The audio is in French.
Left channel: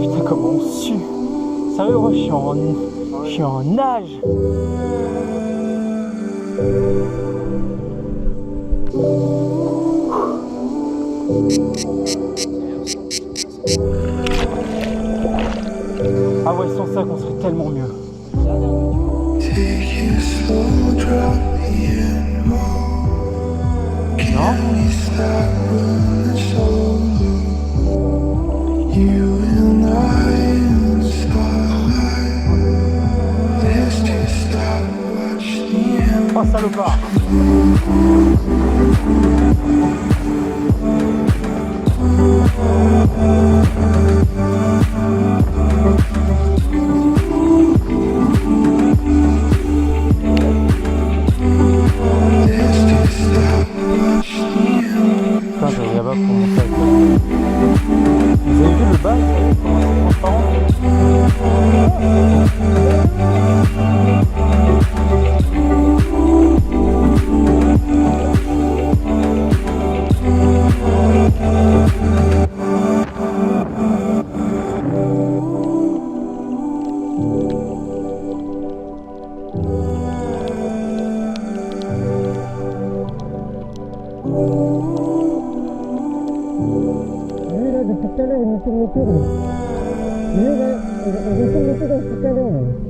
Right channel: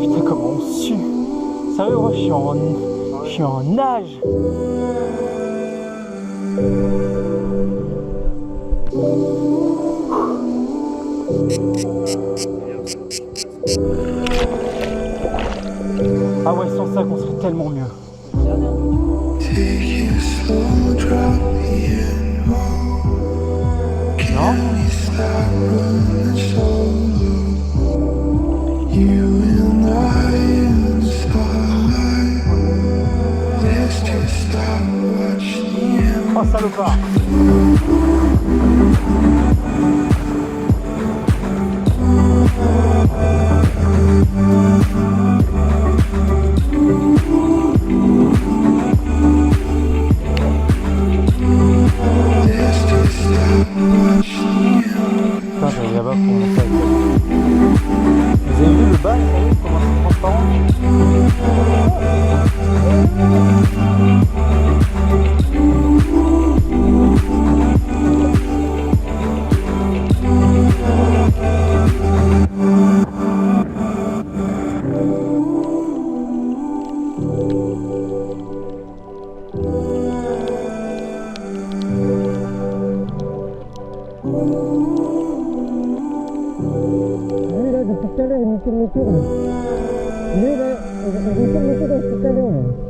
Putain, comment on sue. Sérieux, je suis en nage. Ah ouais, sans ça qu'on serait tellement mieux. Non? Oh salopard! Putain, j'allais là-bas pour monter avec toi. Vous avez vu le bas, comment c'est transparent? Depuis tout à l'heure, il me tourne autour. Lui, là, on retourne autour dans tout à l'heure.